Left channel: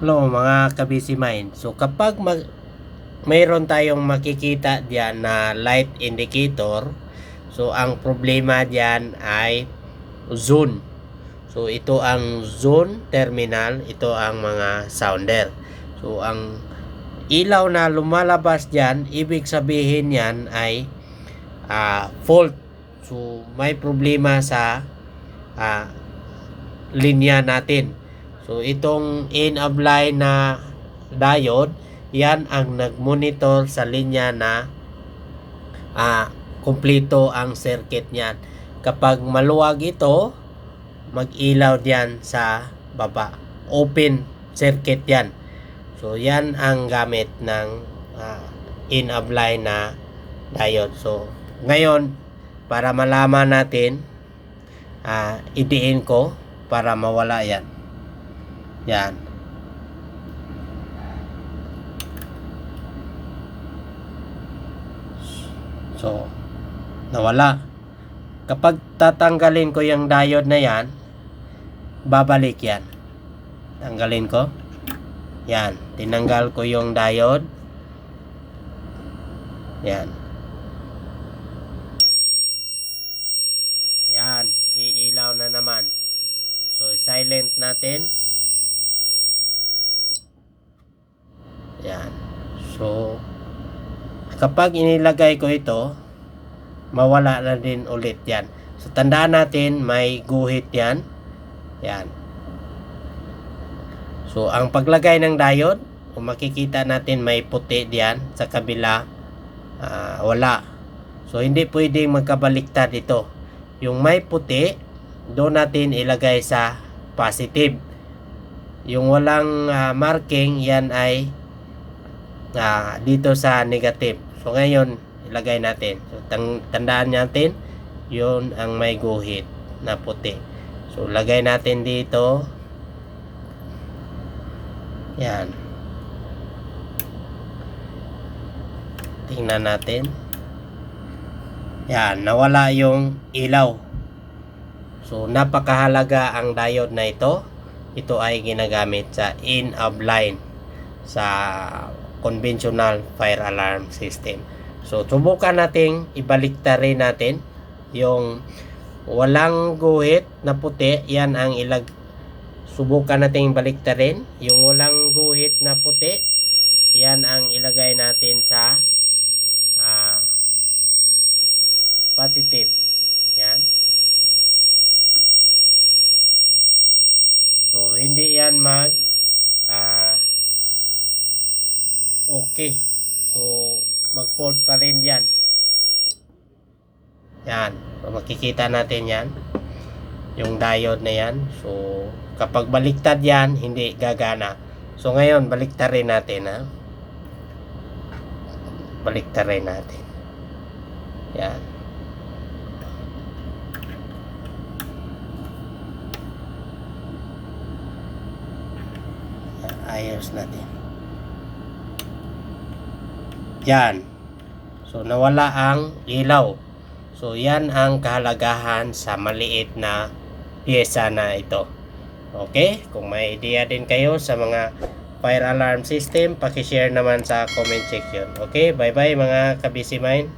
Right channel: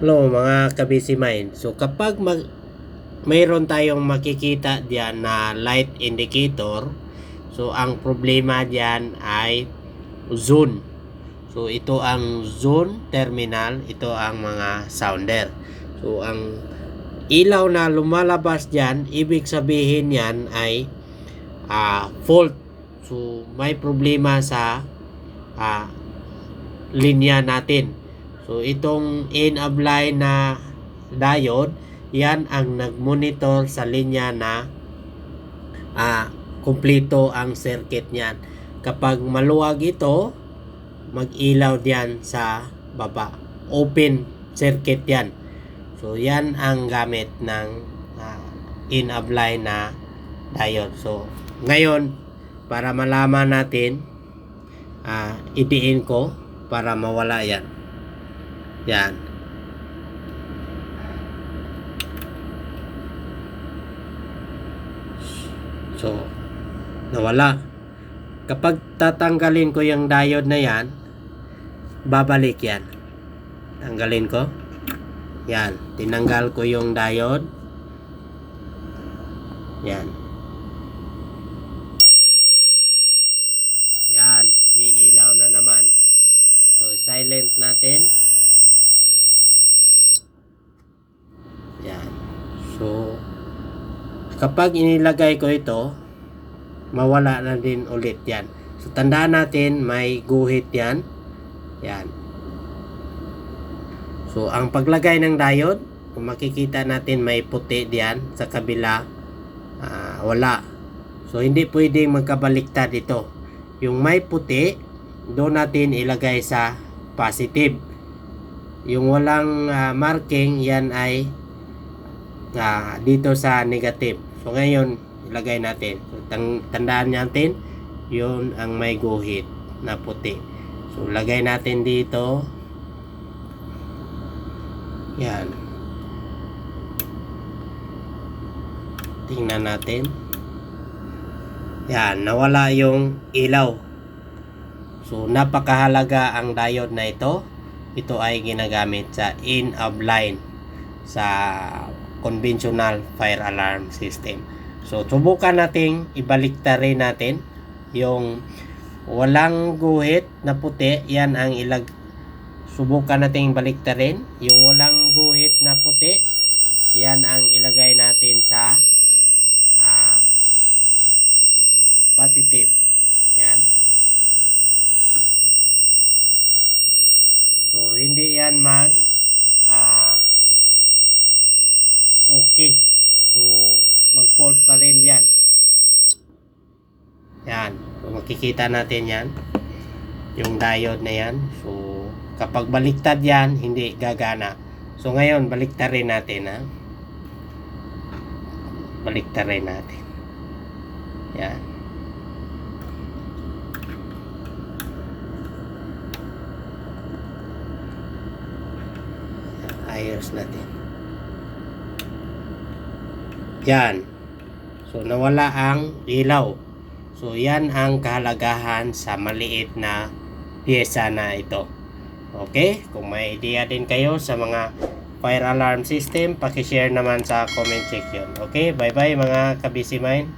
Hello mga kabisi mind. So kapag mayroon tayong makikita diyan na light indicator, so ang problema diyan ay zone. So ito ang zone terminal, ito ang mga sounder. So ang ilaw na lumalabas diyan, ibig sabihin yan ay fault. So may problema sa linya natin. So itong in-of line na diode, yan ang nagmonitor sa linya na kumpleto ang circuit niyan. Kapag maluwag ito, mag-ilaw diyan sa baba. Open circuit yan. So yan ang gamit ng in-of line na diode. So ngayon, para malaman natin, idiin ko para mawala yan. Yan. So, nawala. Kapag tatanggalin ko yung diode na yan, babalik yan. Tanggalin ko. Yan. Tinanggal ko yung diode. Yan. Yan. Iilaw na naman. So, silent natin. Yan. So, kapag inilagay ko ito, mawala na din ulit yan. So, tandaan natin, may guhit yan. Yan. So, ang paglagay ng diode, kung makikita natin may puti diyan sa kabila, wala. So, hindi pwedeng magkabaliktad ito. Yung may puti, doon natin ilagay sa positive. Yung walang marking, yan ay dito sa negative. So ngayon ilagay natin. So tandaan natin, yun ang may guhit na puti. So lagay natin dito. Yan. Tingnan natin. Yan, nawala yung ilaw. So napakahalaga ang diode na ito. Ito ay ginagamit sa in-of line sa conventional fire alarm system. So subukan nating ibaliktarin natin yung walang guhit na puti. Yan ang subukan nating baliktarin. Yung walang guhit na puti, yan ang ilagay natin sa positive. Yan. So hindi yan okay. So mag-fault pa rin yan. Yan. So makikita natin yan. Yung diode na yan. So kapag baliktad yan, hindi gagana. So ngayon, baliktarin natin. Baliktarin natin. Yan. Ayos natin. Yan. So nawala ang ilaw. So yan ang kahalagahan sa maliit na pyesa na ito. Okay? Kung may idea din kayo sa mga fire alarm system, paki-share naman sa comment section. Okay? Bye bye mga kabisi mind.